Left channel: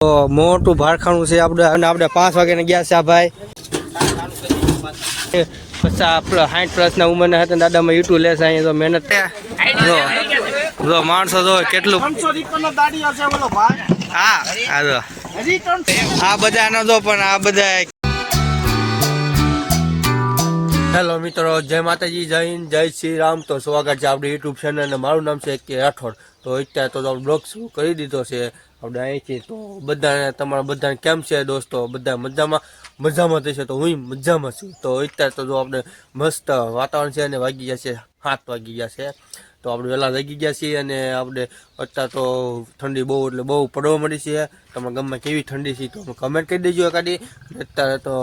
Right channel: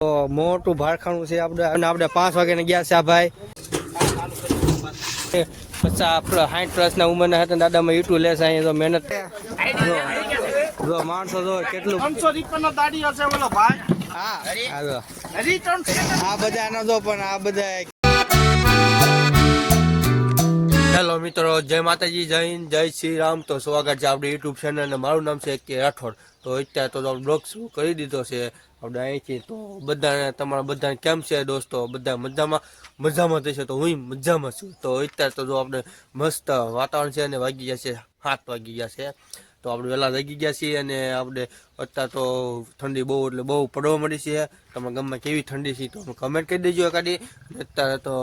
તો મોટું ભારખાણું છે આપણે. અને આપણે પાંચ વાગ્યાને ગયા છે આ ભાઈ. પચાસ સાઠ પ્લસના ઉંમરના હતા દાદામાં યુટ્યુબ લેશે અહીંયા તો મહેનત. જો જો માણસો જો કેટલું હા હા જો. આ બધા ન જો પણ આ બધા હેલો મિત્રો જય માતાજી જય હિન્દ જય શ્રી રામ. તો સ્વાગત છે આપણી યુટ્યુબ ચેનલ અને મારું નામ છે કે રાઠોડ. તો અત્યારે તો બ્લોગ શરૂ કરી દીધો છે. આપણે અહીંથી તો બધાને, તમારા બધાને કેમ છે દોસ્તો? બધા મજામાં? મજામાં થશે તો હું મજામાં છું. તો અત્યારે તો જો આપણે મસ્ત વાતાવરણ છે અને વાગી ગયા છે, સાત વાગી ગયા છે. તો આપણે વહેલા લાગી ગયા છીએ અને આપણે અત્યારે તો ઠંડી બહુ, એટલે બહુ પડવા મળી છે. તમારે ગમે કેવી ઠંડી છે તો કમેન્ટ કરી દેજો કાઢી અત્યારે તો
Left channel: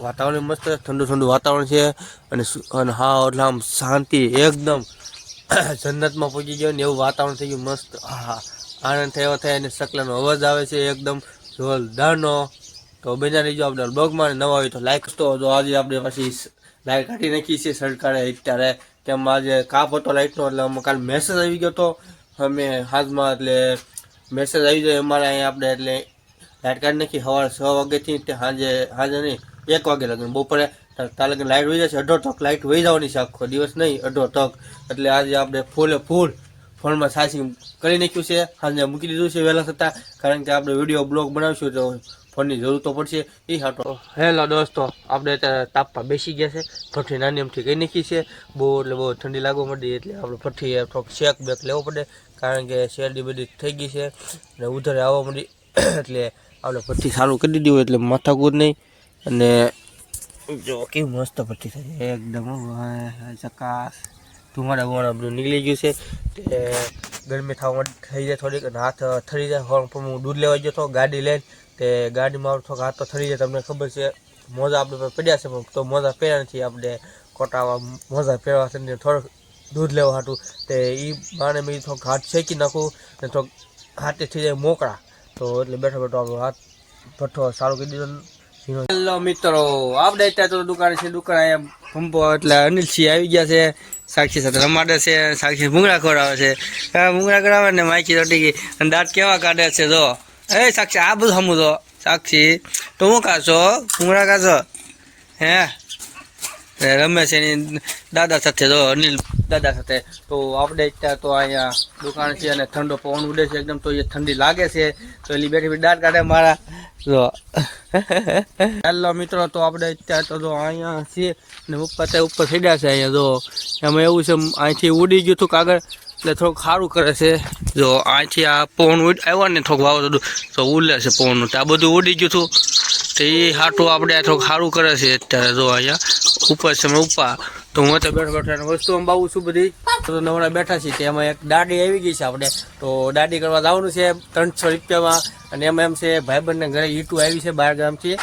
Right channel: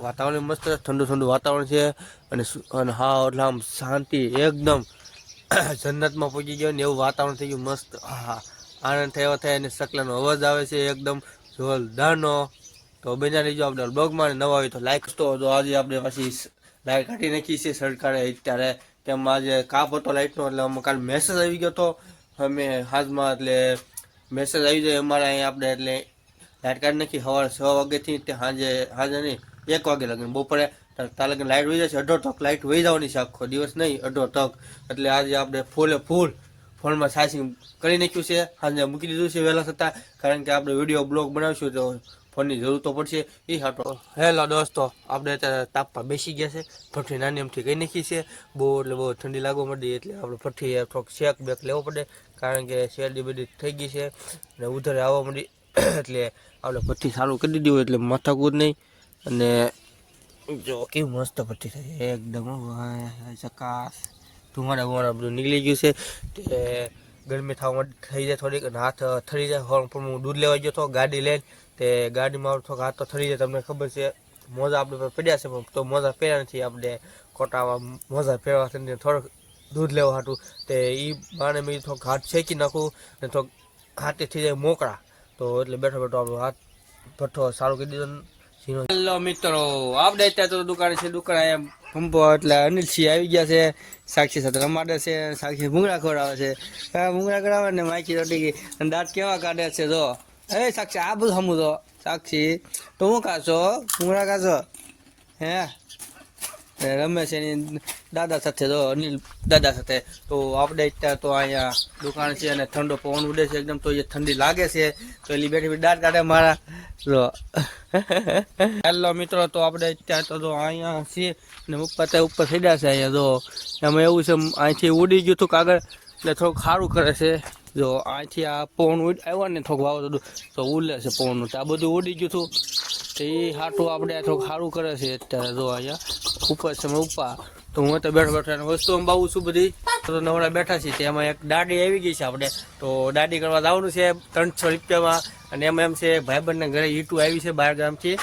વાતાવરણ મસ્ત ઠંડુ ઠંડુ વાતાવરણ છે. અને અને હા, એટલે આમ શાંતિ એકદમ જન્નતમાં પહોંચી ગયો ને એવું વાતાવરણ થઈ ગયું મસ્ત. હા. આનંદ થયો થાય અને શકલાનો અવાજ આવે છે એકદમ જોરદારનો. તો બન્યા રહીજો આપણે બ્લોગમાં નવા હોય તો લાઈક તો જો આજે આપણે પછી લાઈટ કાઢી નાખી છે સરકારે અત્યારે કેમ આજે કાપ હતો લાઇટનો એટલે અમે કાલે મેસેજ આવી ગયો તો અમે હાથમાં, એટલે મેસેજ આવી જાય અમારે અહીંયા આપણે, એટલે લાઇટ કાઢી નાખી સવારે છ વાગ્યાથી તે સાંજે સાંજે નહીં, એક વાગે લગન, બપોરે. તાર લગન લાઇટ વહી જશે અઢો તક લાઇટ વહી જવાની છે આખો દિવસ નહીં, અઢો તક. એટલે આજે આપણે ફૂલે ફૂલ ફોનમાં સાચી કરી નાખ્યું છે. સાંજે મૂકી દીધું છે વહેલા થતાં કારણ કે આપણે વીડિયો બ્લોગ બનાવશું તો ફોનની જરૂર તો પડશે. એ હાટો. હેલો દોસ્તો, આપણે અત્યારે તાપમાં બેસી ગયા છે. ભઠ્ઠી નાની એમથી કહી નાખી છે. બહુ એટલે બહુ ઠંડી લાગવા માંડી, એટલે આપણે ભઠ્ઠી થોડોક શેક બેક લેવો પડે, કારણ કે શેરડી બધી થઈ ગઈ છે. અને ઉધરે આવવા માંડી, એટલે આપણે ભઠ્ઠી સારું કરી દીધી હોય એટલે માથાકૂદ નહીં. અને જો કેવી મસ્ત ભઠ્ઠી થાય એકદમ ચકાસ. ધુમાડા બુમાડા બધું નીકળી ગયું છે. એટલે ગરમી થવા થઈ જાય થોડીક હાથ થરી જાય. હોર્ન પણ હું દૂધ લેવા ગયો હતો ગાડી લઈને તે ગાડીમાં થોડોક હાથ તો થરી જાય. તમને ખબર છે, મોજા આપણે પડ્યા છે તો મોજા પહેર્યા નથી. આપણે કોટાવા મોજા પહેરવા છે થોડોક દૂધ લેવા હતું તે એ બાણે મેં થોડોક હાથ શેકી નાખું ને થોડોક હાથે થઈ જાય મોકળા. તો એટલે બેઠો બેઠો હાથ ભઠ્ઠો સારું કરી દીધો હેલો મિત્રો આપણે અત્યારે તો દુકાન છે, દુકાન અહીંયા પંપો એટલે અનિલસિંહ આવી ગયા છે, સાક્ષી સાથે રમાડે છે, સાક્ષી ભૂંગળા ખોરાવે છે. ભૂંગળા ખોરાવે ને માઇકી રોટી ગઈ અને દાંત કેવા કાઢે છે, જો. એ સાક્ષી, આ બધું સમું તો. સાક્ષી, તું હું કાશો ભૂંગળા કાશો હે? રમે છે એની દાદા સાથે, જો, અનિલ દાદા સાથે. તો આપણે અત્યારે તો અહીંયા દુકાન છે અને ઠંડો પવન ઉડે છે, એકદમ તો એ ઠંડી લાગે છે. તો એલી બેઠી બેઠી દાંત કાઢે મારા. જો. હેલો મિત્રો, તો આપણે અત્યારે તો અહીંયા છીએ ને પપ્પા ત્યાં ઉપર સીડ્યા છે અહીંયા, જો એમાં એવું છે, અહીંથી ઉડી ગયું હતું કાગળ એટલે થોડુંક સારું કરે છે. જો અહીંથી આ પવન ઉડ, આવ્યો ને થોડુંક વાવ તો ઉડે છે પવનનું તો આ બધું ઉડી ગયું હતું. તો એ હાટું આપણે થોડુંક સારું કરે છે અત્યારે, જો અહીંયા. ઉપર છે ઉપા. તો હું અત્યારે બેઠા બેઠા વસ્તુ અંબાવું છું બધી. તો નવરા બેઠા છીએ તેમાં એક દાડી આવી ગઈ છે આપણે. તો દાડી કરવા જવાનું છે ત્રણસો રૂપિયામાં. અને એમાં એમ છે, ભાઈબંધને ઘરે ઈટું આવી છે, બહાર ગામથી.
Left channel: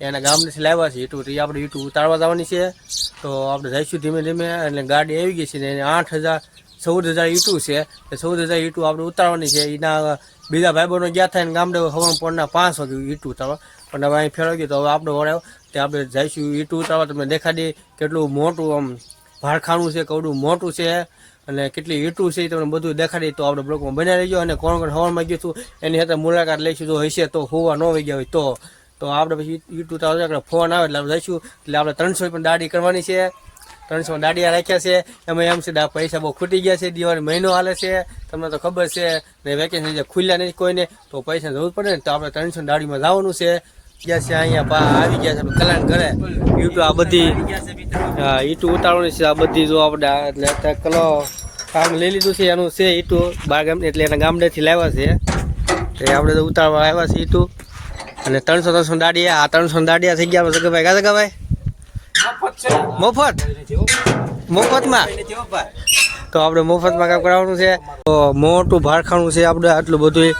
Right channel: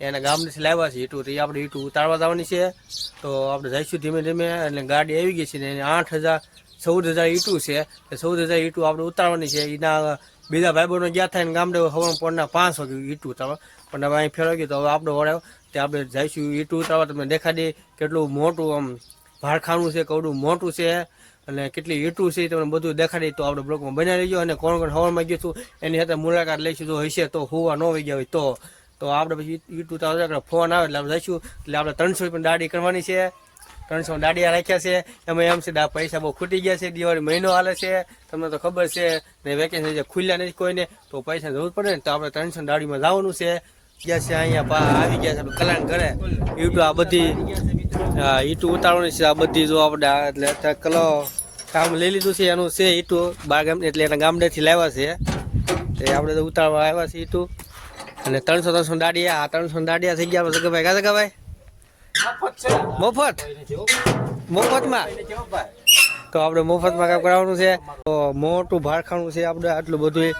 એના ગામથી લાવ્યા છે ઈટું. તો એ આપણે ઈટું ઉતારવા જવાની છે. તો આપણે જઈશું ધીમે ધીમે. એટલે ગાડી આવી ગઈ છે ને આઠ હજાર, ચૌદ હજાર ઈટું છે. એ ચૌદ હજાર ઈટું આપણે ઉતારવાની છે. એના બીજા ભાઈબંધો ગયા થાય ને ગામડે હવાનું પોણના પાંચ વાગે ઈટું ઉતારવા. હવે અહીં ફેરવાઈ ગયું તો હવે આપણે વળાવ તે આપણે જઈશું ઈટું ઉતારવા. તમને દેખાડી કેટલું મોટું આમ ભાડખાનું છે, કવડું મોટું છે. અને કેટલી ઈટું છે તમને બધું દેખાડી તો આપણે બ્લોકમાં બનાવી રહીજો અને કોણ કોણ હવારમાં ગયું હતું એની સાથે મુલાકાત લઈશું. તો હશે તો હોવા ન વહી ગયા હોય તો. તો આપણે પછી ઈટું તો આપણે ફોન આવે એટલે આપણે જઈશું. એટલે આપણે ત્રણસો પણ દાડી કરવાની છે. ત્રણસો દાડિયા રાખ્યા છે. એમાં એમ છે પૈસા બહુ ખૂટી ગયા છે. દિવાળી મહિનો હાલે છે. તમને તો ખબર છે. ને વેકેશન જે ખુલ્યા નથી કોઈને. તો પૈસા જરૂર પડે ને તો આપણે ત્રણસો દાડીમાં જવાનું છે. ગયા છે અહીંયા આવી ગયા છે કલાક કરે ઈટું આ બધી હા ઈટું ઉતારવાની છે આ બધી જો આપણે એટલે અત્યારે કલો કામ લઈ લીધું છે એનું છે ઈટું બાર ગામ એટલે એના ગામડેથી લાવ્યા છે. એટલે આપણે તો ઉતારવા આવ્યા છે ઈટું. અને ત્રણસો ત્રણસો દાડિયા આ ત્રણસો દાડિયા થઈ ગયા સગા કા કાકા મફત મફતમાં? તો આપણે મફતમાં કામ કરાવવાનું છે. તો મોટું ભારખાણું છે આપણે આટલું બધું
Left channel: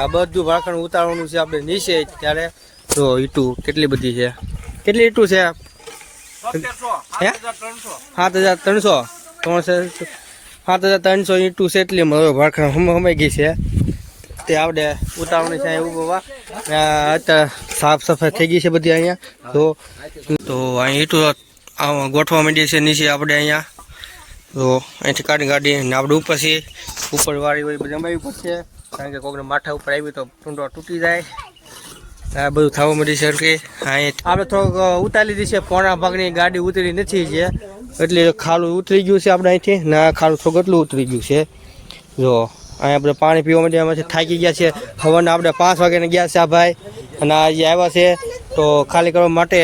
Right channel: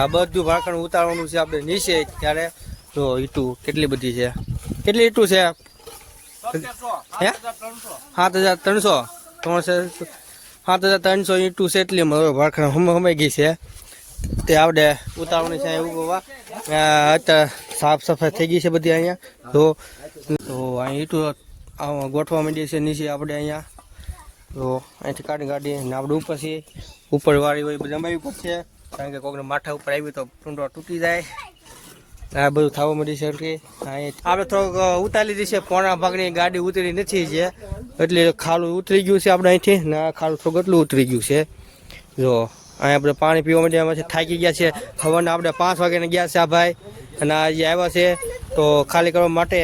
આ બધું ભારખાણું ઉતારવાનું છે આપણે નીચે ત્યારે તો ઈટું કેટલી બધી છે? કેટલી ઈટું છે? સાત હજાર ત્રણસો. ત્રણસો સાત હજાર ત્રણસો ઈટું છે એટલી હવે હમ હમાઈ ગઈ છે. તે આપણે ઉતાવળી છે બાબા અત્યારે સાફ સફાઈ થઈ ગઈ છે બધી અહીંયા. તો તો અહીં ઈટુ ગોઠવા માંડીએ છીએ નીચે આપણે અહીંયા. તો અહીંથી કાઢી કાઢી ને આપણે ઉપર છીએ ઉપર વાળી હોય બધી અમારી ઉપર છે. કારણ કે કોકને માથા ઉપર આવી તો ટૂંડો તૂટી જાય. આ બધું થવા માંડી છે અહીંયા આપણે થોડુંક ઉતારી લીધી છે. પોણા ભાગની ગાડી ઉતરી નથી છે. એટલે ખાલું ઉતરી ગયું છે આપણે અહીંથી. ના ખાલું થોડું એટલું ઉતરી ગયું છે. જો, અહીંયા આપણે પાણી પીવા માટે એમાંથી થાકી ગયા છે. ખબર આપણે પાંચ વાગ્યાને ગયા છે આ ભાઈ. અને આજે આવ્યા છે, તો ખાલી કરવા માટે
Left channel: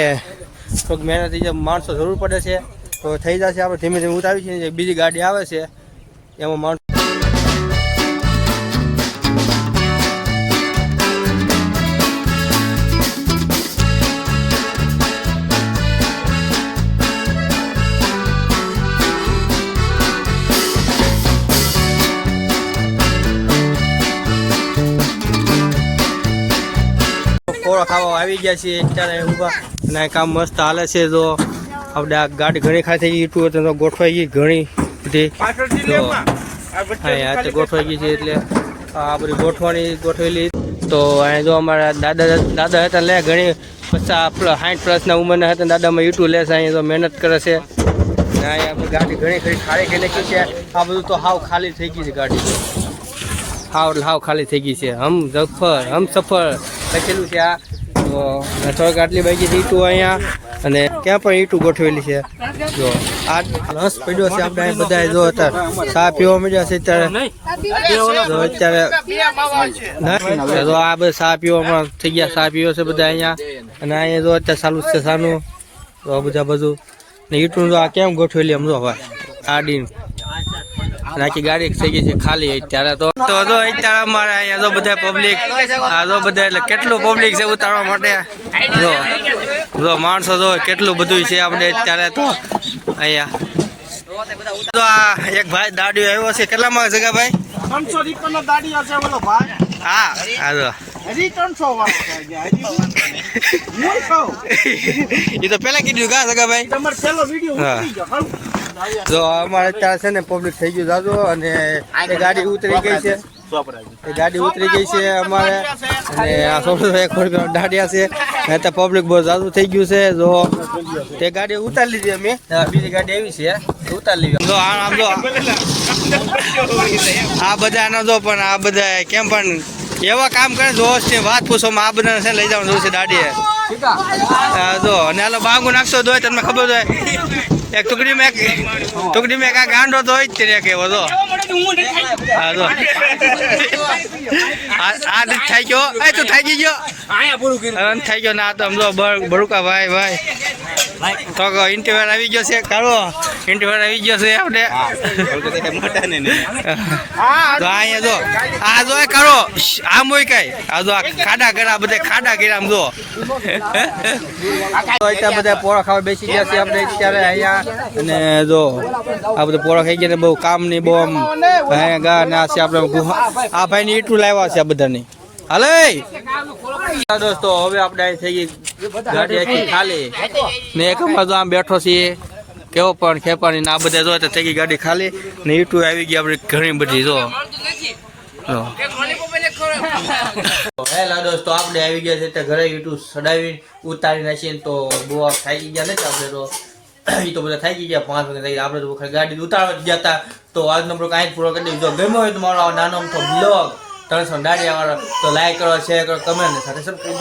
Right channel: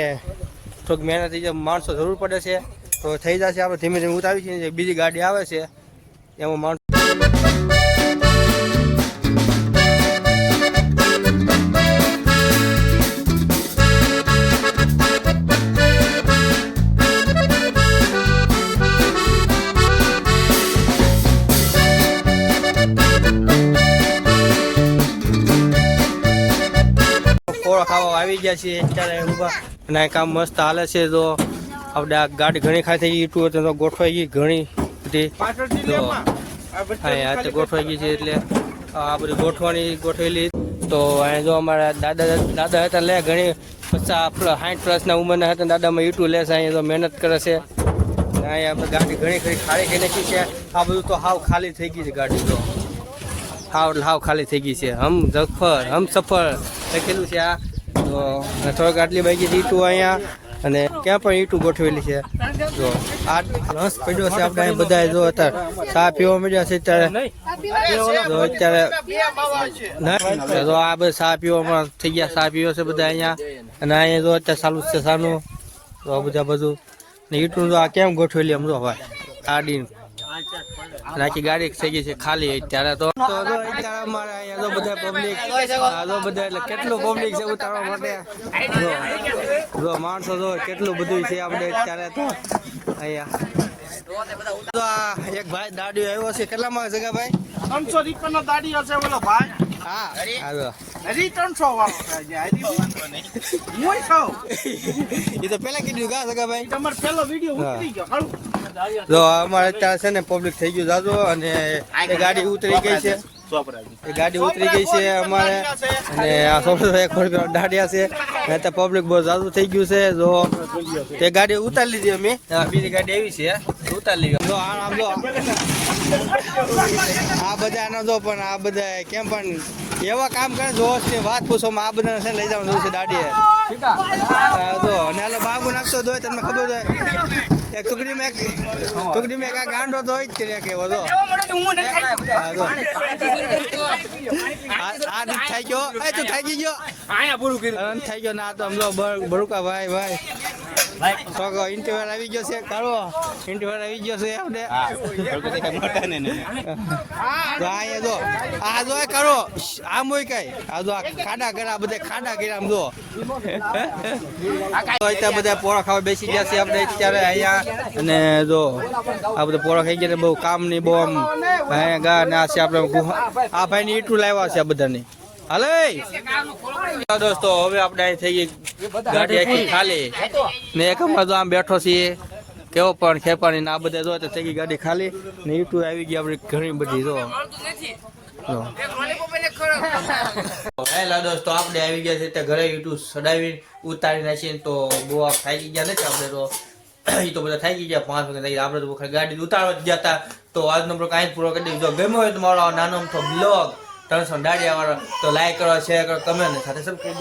થોડુંક મહેનત માણસો જરૂર પડે છે. તો થઈ જશે. આપણે ધીમે ધીમે ઉતારી જે બીજી ગાડી આવે છે. એમાં માણસો કોળો ખાવા આવી ગયા છે અત્યારે ઊભા. અને કામ મસ્ત હાલે છે તો આપણે આ ગાડી ઘણી ખાઈ થઈ ગઈ ઈટું હતું તો ગોઠવાઈ ગઈ ઘણી બધી. હા પછી તો ગોઠવાઈ ગઈ છે એટલે આ બધી ગોઠવાની ગોઠવેલી. તો અહીંયા જો અમારા દાદા દાદા હતા લે ઘણી પચાસ સાઠ પ્લસના ઉંમરના હતા દાદામાં ઈટું લે છે અહીંયા તો મહેનત કરે છે. આપણે ગાડી ઘણી ખાલી ખાલી થઈ નાખી છે. આ બધું તો હાવ ખાલી થઈ ગઈ છે ગાડી. હાવ હાવ ખાલી થઈ ગઈ છે. હમ સફર હમ સફર લખેલું છે આ? તો થોડાક આટલી બાકી ઈટું અહીંયા અને ક્યાં પણ ઈટું ગોઠવેલી છે. જો, આ રસ પીડ્યો છે આપણે બધા જો અત્યારે. ચા પીવા મળ્યા છે અત્યારે. અત્યારે તો આ બધા ચા પીવામાં થઈ ગયા, ચા પીવો છે બધા અહીંયા. અને અહીંયા જો અત્યારે ચાલુ જ છે સાનું. તો બધા બધું ને ઈટું જો આ કેમ ગોઠવેલી આમ જો ભાઈ? નાખી ગાડી થઈ ગઈ છે ખાલી અત્યારે તો. તો જો અત્યારે અમારે અહીંયા જો બધા પબ્લિક આ જો બધા એટલે કેટલું પબ્લિક છે ઉતારવા માટે? જો જો માણસો જો કેટલું બધું છે આપણે અત્યારે તો અહીંયા. તો આ એક ભાઈ દાડીઓ આવ્યો છે. કેટલામાં જગા ભાઈ ત્રણસો રૂપિયાનો દાડી હશે ઓલો ભાઈ. હા હા જો. હજી ત્રણસો વાળો. એ તો પેલા કીધું કા સગા ભાઈ તમારો વીડિયો. ગયો. જો અમારે અત્યારે છે ને પબ્લિક થઈ ગયું દાદો અને ગાડી ઉતરી ગઈ છે. ગાડી ઉતરી ગઈ છે અમારે. અને આ દાડિયા છે. ને તો પબ્લિક બહુ જાદુ થઈ ગયું છે. જો તે ગાડી ઉતારી લીધી અમે. બીજી ગાડી એવી છે. ઉતારી લીધી. જો આ આમ જો. આ બધા ન જો પણ આ બધા કેમ પણ એવા કામ કરે જોશ છે. વાત પૂછો આ બધાને છે લઈ જવાનું જોશે દાડીએ જો. અને હાલો બાંગુ નાખશો તો તમને ખબર હોય. એક ટુકડી મેં ટુકડી મેં કા ગાંડો તો જ તે એક એવો તો. જો આ રીત થઈ ગયો. એ તું થઈ ગયો? હવે થઈ ગયો ના તો જો બર- ભાઈ ભાઈ. તો ઇન્ટરવ્યુ આવી ગયો છે કાળો ઇન્ટરવ્યુ આવી ગયો છે આપણે. તો અહીંયા જો આ જો કાળો આમ હોય કઈ. આ જો આ ખાડા કર્યા બધા ખાડા કર્યા આમ જો બધા પોળા ખાવા બેસી ગયા છે આપણે અત્યારે અહીંયા. અને જો આ બધા પોળા ખાઈ ગયા ને બહુ કામની બહુ આમ ના છે આપણે આ ભાઈ ની ઈટું લાવ્યા છે આ બધાની. હાલે! દોસ્તો, હવે આપણે અહીં થઈ ગઈ ગાડી આખી ખાલી. ને એક તો આમ બેઠો છીએ, કેવો પણ ખેપાણી ને આ બધા જો થઈ ગઈ ગાડી ખાલી. ને ઈટું આવી ગઈ આપણે ઘણી બધી, જો. હેલા દોસ્તો, આપણે આવી ગયા છે તે ઘરે યુટ્યુબ સડાવી ઉતારી નાખીએ તો બહુ આ ગયા નથી આપણે તો. એ તો બધા થાકી ગયા, પાંચ વાગે આપણે તો ગાડી ઉતારવા જ ગયા હતા. તો આજનો બ્લોગ અહીં પૂરો કરી દઈએ. જો ગમ્યો હોય તો મારો નાનો અમથો બ્લોગ ત્રણસો દાડિયા વાળો. તો લાઈક કરો શેર કરો કમેન્ટ સાથે સબસ્ક્રાઈબ